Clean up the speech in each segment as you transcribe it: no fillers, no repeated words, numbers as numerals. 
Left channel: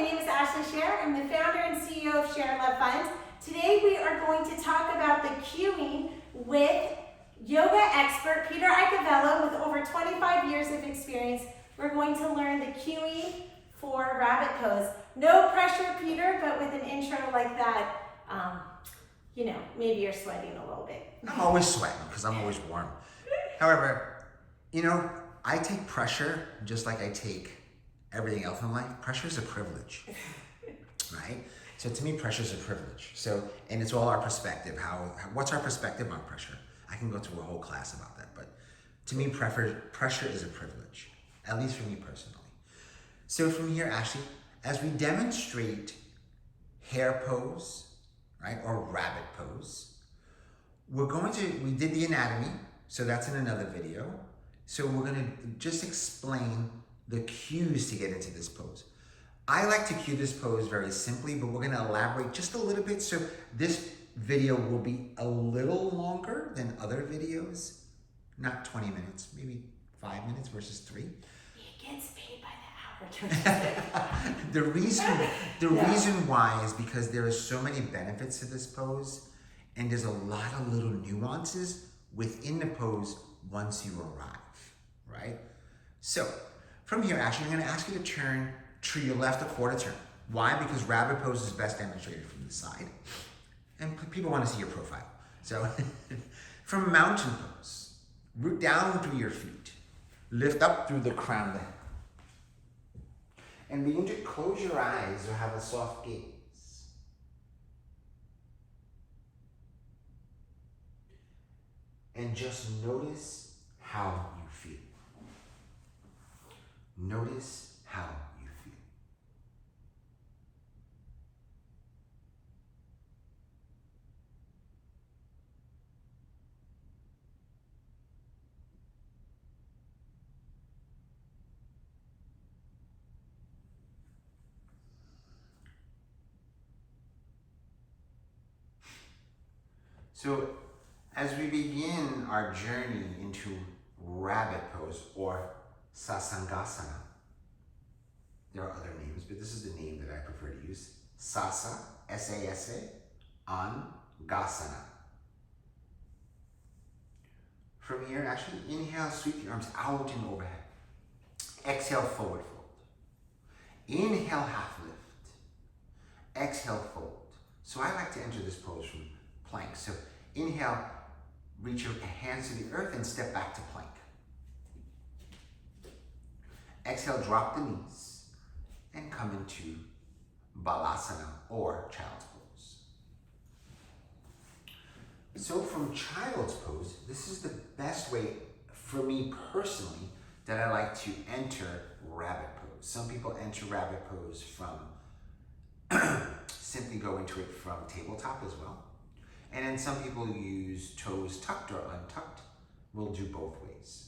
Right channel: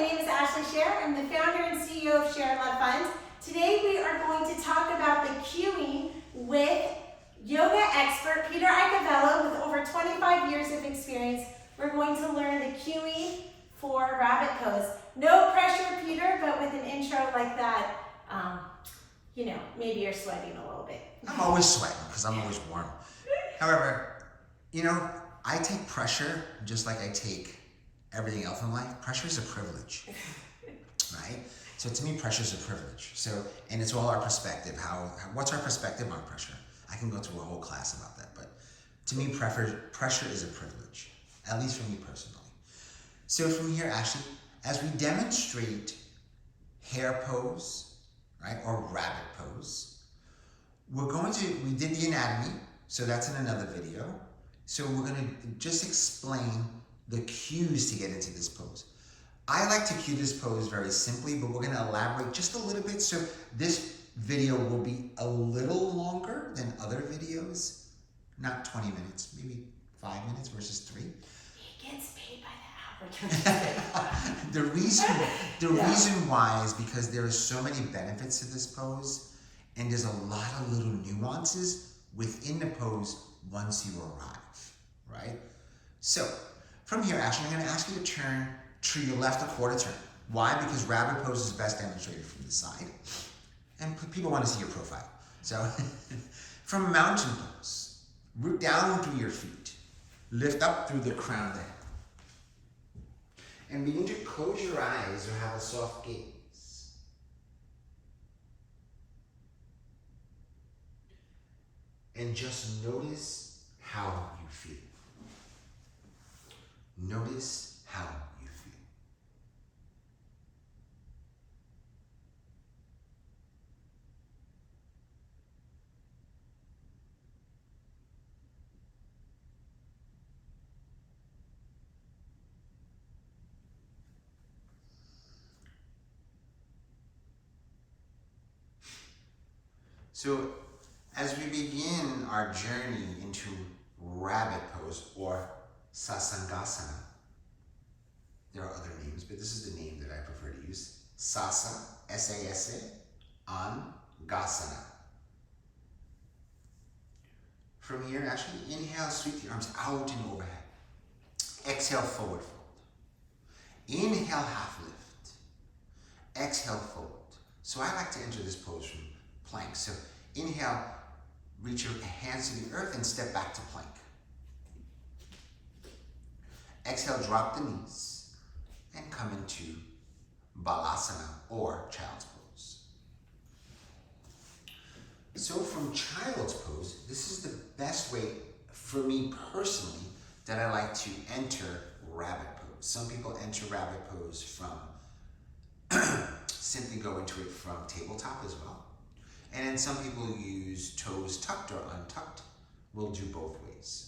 my name is Ashley Share. I'm the founder and CEO of Share Love Funds. Today we are going to talk about the cueing with yoga expert Peter Icavello with over 25 years of experience. We're going to learn the cueing for rabbit pose. No pressure, Peter, but with an intro like that, you know, maybe you're sweating a little bit. I'm always sweating because I'm always warm. However, you know, I take pressure just like I take everything else in life. Pressure is a privilege, right? So to me, pressure is a privilege. So, and it's all our perspective. What's our perspective on pressure? I can go to a whole class about that, but to me, pressure is a privilege, at least for me personally. So from here, Ashley, as we demonstrate hare pose, right, or rabbit pose, we did the anatomy, so that's in another video. So we're gonna just explain the cues to get into this pose. I like to cue this pose very simply, but we're gonna elaborate just a little bit. So this video will be a little longer than other videos, not 20 minutes, maybe 5 minutes versus 3. He gets paid by the hour. The reason why is because there are so many benefits to this pose, and there's a lot of little nuances within the pose once you arrive, right? So from here, Ashley, I'm going to ask you to turn to your left a quarter turn. Why? Because rabbit pose is best demonstrated from the side, and people want to see your profile. So from mountain pose, root down through your feet, lift up through the crown of the head, and begin to close your eyes or have a soft gaze. And just notice how you feel. Notice how you feel. So as we begin our journey into rabbit pose or Sasangasana, there are other names, but this is the name that I prefer to use. Sasa, S-A-S-A, Angasana. From here, actually inhale, sweep the arms out and overhead. Exhale, forward fold. Inhale, half lift. Exhale, fold. So I like to enter this pose from plank. So inhale, reach your hands to the earth and step back to plank. Exhale, drop the knees and come into balasana or child's pose. So from child's pose, this is the best way for me personally that I like to enter rabbit pose. Some people enter rabbit pose from simply go into it from tabletop as well. And then some people use toes tucked or untucked. We'll do both ways.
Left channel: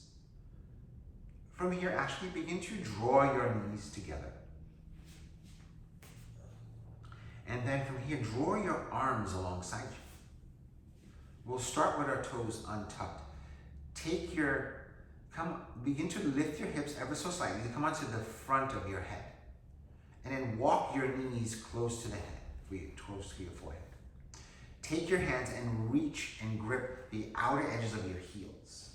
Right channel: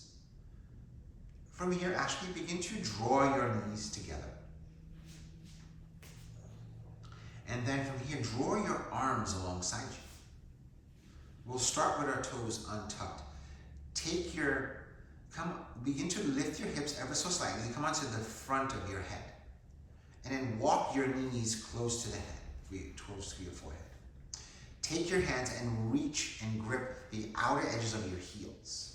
From here, actually begin to draw your knees together. And then from here, draw your arms alongside you. We'll start with our toes untucked. Begin to lift your hips ever so slightly. Come onto the front of your head. And then walk your knees close to the head, close to your forehead. Take your hands and reach and grip the outer edges of your heels.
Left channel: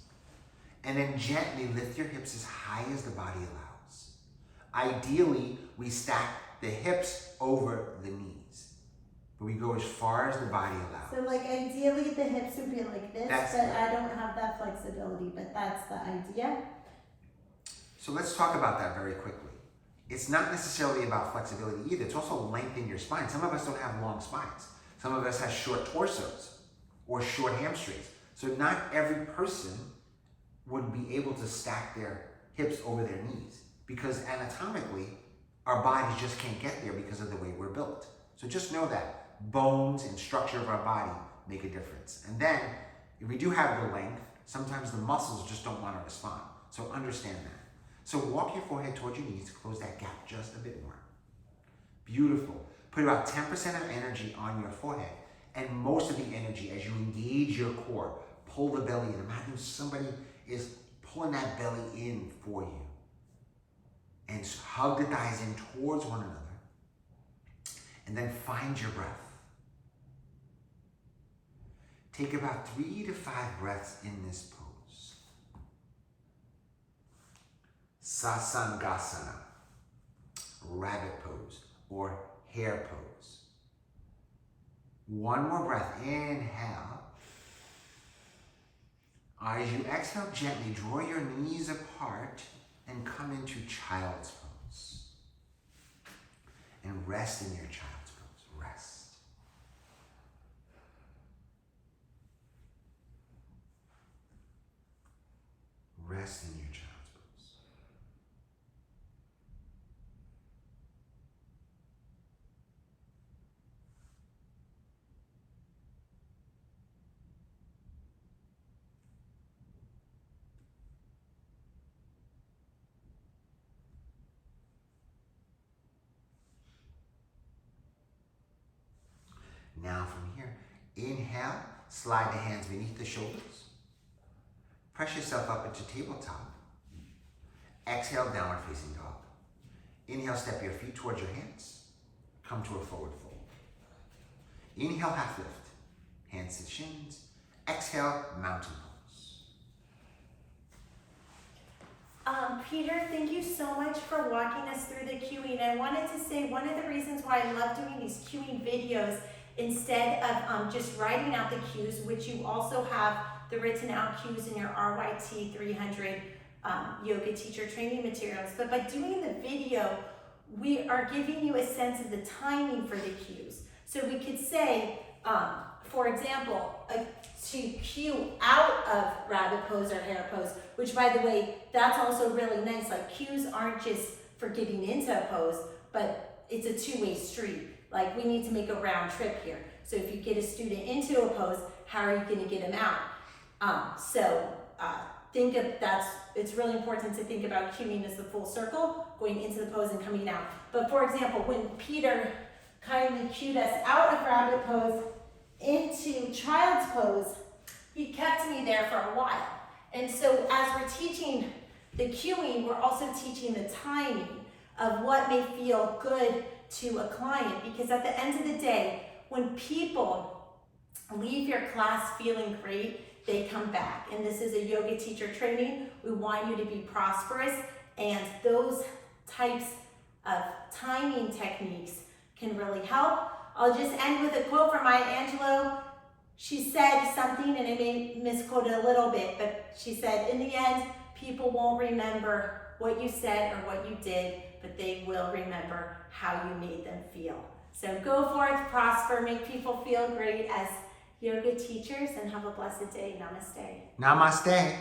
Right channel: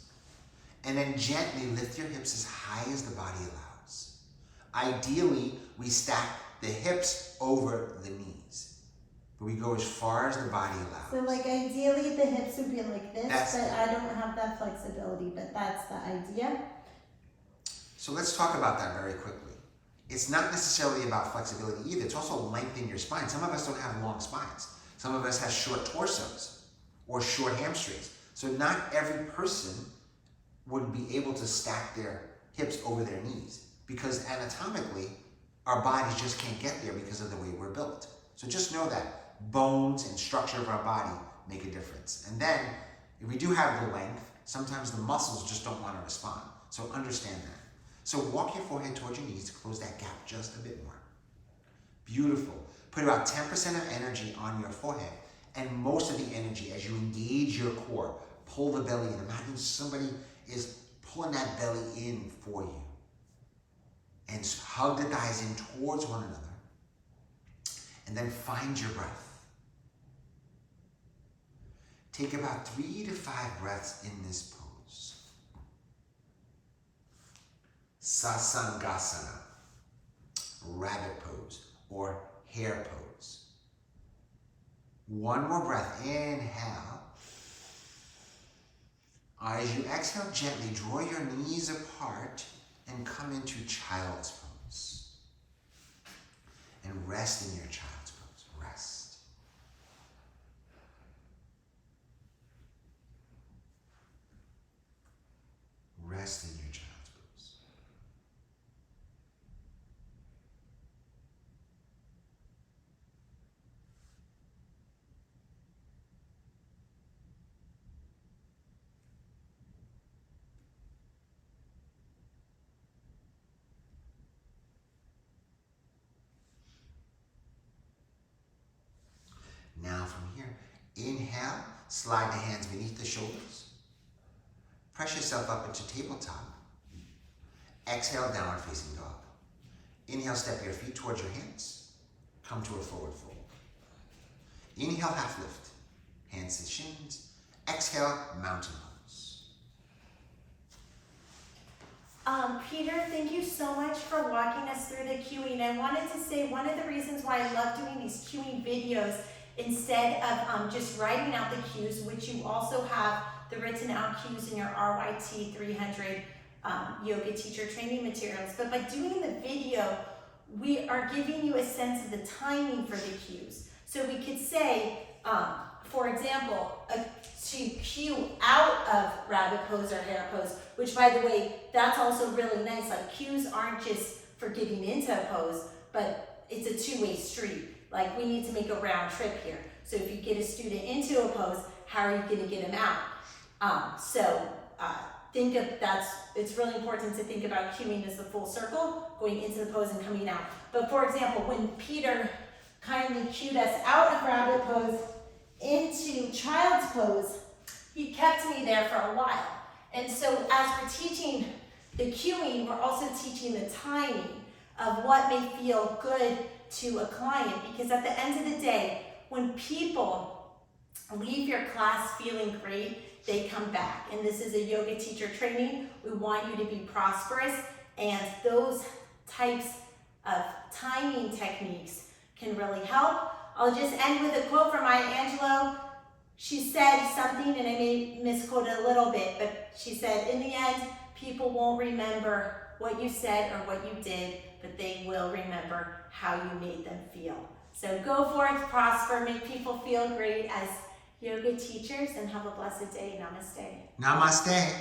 And then gently lift your hips as high as the body allows. Ideally, we stack the hips over the knees. But we go as far as the body allows. So like ideally the hips would be like this, but I don't have that flexibility, but that's the idea. So let's talk about that very quickly. It's not necessarily about flexibility either. It's also lengthening your spine. Some of us don't have long spines. Some of us have short torsos or short hamstrings. So not every person would be able to stack their hips over their knees because anatomically, our bodies just can't get there because of the way we're built. So just know that bones and structure of our body make a difference. And then if we do have the length, sometimes the muscles just don't want to respond. So understand that. So walk your forehead towards your knees to close that gap just a bit more. Beautiful. Put about 10% of energy on your forehead and most of the energy as you engage your core. Pull the belly in. Imagine somebody is pulling that belly in for you. And hug the thighs in towards one another. and then find your breath. Take about 3 to 5 breaths in this pose. Sasangasana, rabbit pose, or hare pose. One more breath, inhale. As you exhale, gently draw your knees apart and come into child's pose. And rest in your child's pose, rest. Rest in your child's pose. Now from here, inhale, slide the hands beneath the shoulders. Press yourself up into tabletop. Exhale, downward facing dog. Inhale, step your feet towards your hands. Come to a forward fold. Inhale, half lift. Hands to shins. Exhale, mountain pose. Peter, thank you so much for walking us through the cueing. I wanted to say one of the reasons why I love doing these cueing videos instead of just writing out the cues, which you also have the written out cues in your RYT 300 yoga teacher training materials. But by doing the video, we are giving you a sense of the timing for the cues. So we could say, for example, to cue out of rabbit pose or hare pose, which by the way, that's also really nice. Like cues aren't just for getting into a pose, but it's a two-way street. Like we need to make a round trip here. So if you get a student into a pose, how are you going to get them out? Think of it's really important to think about cueing as the full circle, going into the pose and coming out. But for example, when Peter kindly cued us out of rabbit pose into child's pose, he kept me there for a while. And so as we're teaching the cueing, we're also teaching the timing of what may feel good to a client, because at the end of the day, when people leave your class feeling great, they come back. And this is a yoga teacher training. We want you to be prosperous, and those types of timing techniques can really help. I'll just end with a quote from Maya Angelou. She said something, and I may misquote it a little bit, but she said, in the end, people won't remember what you said or what you did, but they will remember how you made them feel. So go forth, prosper, make people feel great as yoga teachers, and have a blessed day. Namaste. Namaste.